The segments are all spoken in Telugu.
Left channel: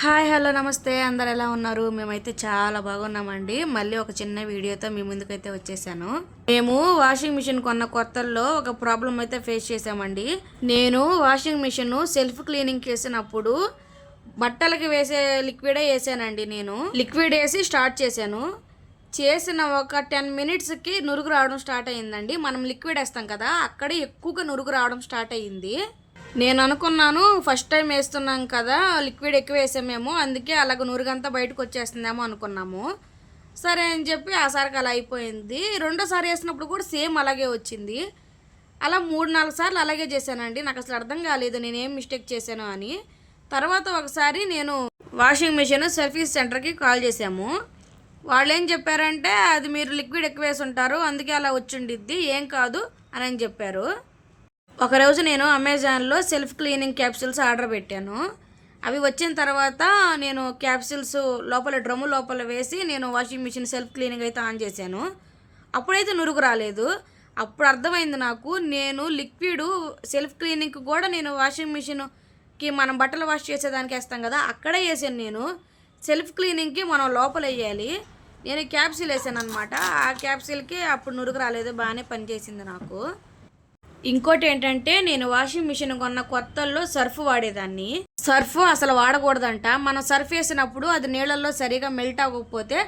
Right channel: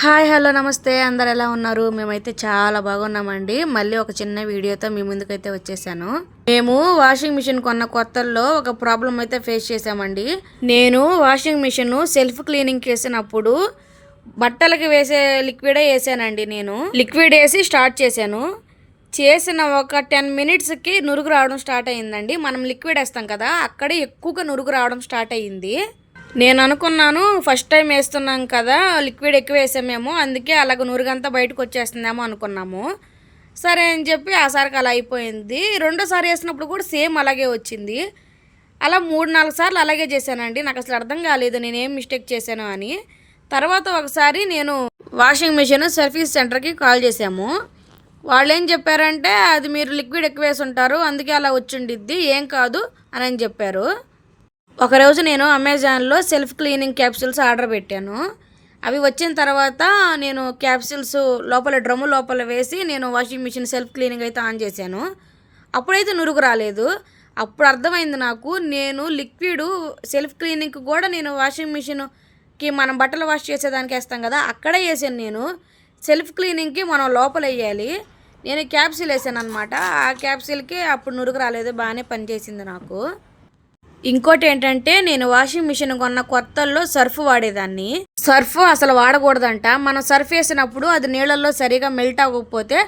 హాయ్ హలో నమస్తే అందరు ఎలా ఉన్నారు? మేమైతే చాలా బాగున్నామండి. మళ్ళీ ఒక చిన్న వీడియోతో మీ ముందుకైతే వచ్చేసాను. మేము వాషింగ్ మిషన్ కొన్న కొత్తల్లో ఒక ప్రాబ్లం అయితే ఫేస్ చేసామండి. నేను వాషింగ్ మిషన్ సెల్ఫ్ క్లీనింగ్ చేసినప్పుడు బట్టలకి వేసే లిక్విడే వేసానండి. నేను లిక్విడ్ వేసి స్టార్ట్ చేశాను. చేసిన ఒక 10 మినిట్స్కి నురుగు రావడం స్టార్ట్ అయ్యిందండి. మనం లిక్విడ్ వేస్తాం కదా, అక్కడే ఎక్కువగా నురుగు రావడం స్టార్ట్ అయ్యింది. నేను అనుకున్నాను ఫస్ట్ టైం వేస్తున్నాం కదా, లిక్విడ్ ఎక్కువ వేసామేమో, అందుకే అలాగ నురుగంతా బయటకు వచ్చేస్తుందేమో అనుకున్నాము. సరే అని చెప్పి ఆసారికి అలా అయిపోయింది. రెండోసారి వేసినప్పుడు కూడా సేమ్ అలాగే వచ్చింది. అలా 3-4 సార్లు అలాగే చేశానండి. నాకు అసలు అర్థం కాలేదు నేనేం మిస్టేక్ చేశాను అని. తర్వాత ఒకసారి నేను వాషింగ్ మిషన్ సర్వీస్ సెంటర్కి కాల్ చేశాము. వాళ్ళు ఏం చెప్పారంటే, అది మీరు లిక్విడ్ ఎక్కువ వేసి ఉంటారు, అందుకే అలా వచ్చిండిద్ది, ఏం కాదు అని చెప్పారు. ఒకరోజు నేను అమెజాన్లో సెల్ఫ్ క్లీనింగ్ క్యాప్సూల్స్ ఆర్డర్ పెట్టాను. అవి వచ్చిన తర్వాత నేను క్యాప్సూల్స్ లోపల డ్రమ్ము లోపల వేసి నేను వాషింగ్ మిషన్ సెల్ఫ్ క్లీనింగ్ అయితే ఆన్ చేశాను. అప్పుడైతే నురుగు రాలేదు. అప్పుడు అర్థమైంది నాకు, నేను లిక్విడ్ సెల్ఫ్ క్లీనింగ్కి కూడా నేను వాషింగ్ మిషన్కి మనం బట్టలు వాష్ చేసేదానికి వేస్తాం కదా, అక్కడే వేసాను. నేను సెల్ఫ్ క్లీనింగ్కి మనం లోపల వేయాలి. నేను క్యాప్సూల్ వేసాను అనమాట. ఆ క్యాప్సూల్కి అప్పుడు నురుగు రాలేదు, బాగానే పనిచేసింది నాకు. ఇంకోటి ఏంటంటే, నేను వాషింగ్ మిషన్ కొన్న కొత్తల్లో సర్ఫ్ వాడేదాన్ని. సర్ఫ్ అసలు వాడకూడదంట. మనం సర్ఫ్ వేసినప్పుడు అది నీళ్ళల్లో సరిగా మెల్ట్ అవ్వకపోతే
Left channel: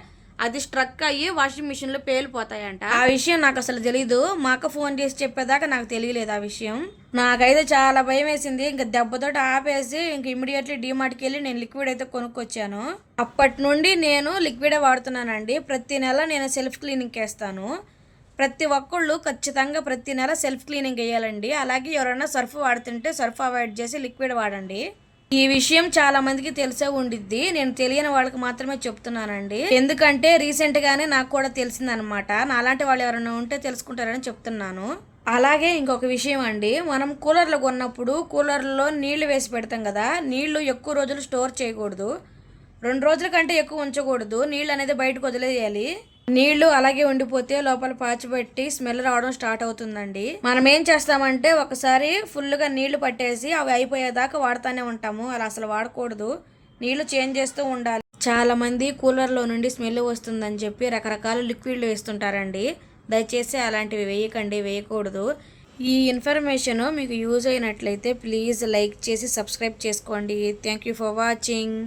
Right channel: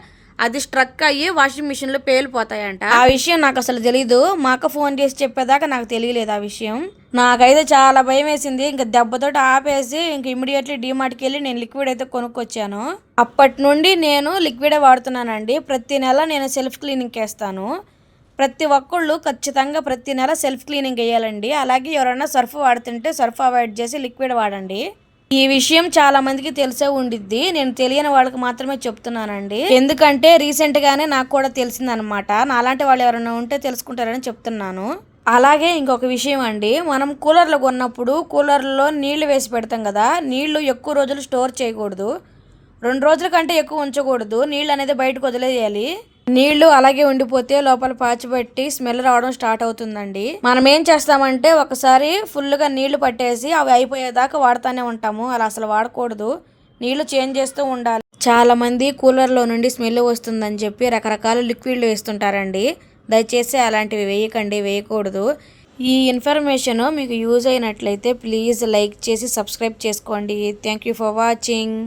అది స్ట్రక్ అయ్యి వాషింగ్ మిషన్లో పేలిపోతాయంట. ఆ విషయం నాకు అసలు తెలీదు. మా అక్క ఫోన్ చేసి చెప్పేదాకా నాకు తెలియలేదు ఆ విషయం. నాకైతే చాలా భయం వేసింది. ఇంకా దెబ్బతోటి ఆపేసి ఇంక ఇమీడియట్లీ డీమార్ట్కి వెళ్ళి నేను లిక్విడ్ అయితే కొనుక్కొచ్చాను. అప్పటి నుండి నేను లిక్విడే వాడుతున్నానండి. ప్రతి నెల నేను సెల్ఫ్ క్లీనింగ్కి వేస్తాను. ప్రతి ఒక్కళ్ళు ఖచ్చితంగా ప్రతి నెల సెల్ఫ్ క్లీనింగ్ వేయాలండి. అలాగే ఎవరైనా సర్ఫ్ వాడుతుంటే సర్ఫ్ అవాయిడ్ చేసి లిక్విడ్ వాడండి. ఈ విషయం చాలా మందికి తెలిసే ఉండిద్ది. నేను తెలియని వాళ్ళకి మాత్రమే చెప్తున్నానండి. ఎందుకంటే రీసెంట్గానే నాకు కూడా తెలిసిందనమాట. నాలాంటి వాళ్ళు ఎవరైనా ఉంటే తెలుసుకుంటారని చెప్తున్నాను. అలాగే ఇంకొక విషయం అండి, మనం కూలర్లు కొన్నప్పుడు కూలర్లో నీళ్లు వేసి పెడతాం కదా, నీళ్లు ఎక్కువ రోజులు స్టోర్ చేయకూడదు. 2 రోజుల కంటే ఎక్కువ ఉంచకూడదు. నీళ్ళు అనేది బయటకు వదిలేయాలి. నీళ్లు అలాగే ఉండిపోతే లోపల పాచిపట్టి స్మెల్ రావడం స్టార్ట్ అవుతుందండి. మనం ఏం చేస్తామంటే, ఒకసారి ఫుల్గా నీళ్లు పట్టేసి అవి అయిపోయేదాకా వాడుతూనే ఉంటాము. అలా అసలు వాడకూడదు. నీళ్లు చేంజ్ చేస్తూ ఉండాలి. చాలా మంది కూలర్లో నుండి స్మెల్ వస్తుందని చెప్పి రకరకాల లిక్విడ్లు వేస్తుంటారండి. దయచేసి అలాంటివి వేయకూడదు. ఈ ఇన్ఫర్మేషన్ మీకు యూజ్ అయినట్లయితే ప్లీజ్ లైక్ చేసి సబ్స్క్రైబ్ చేసుకోండి. Thank you for watching.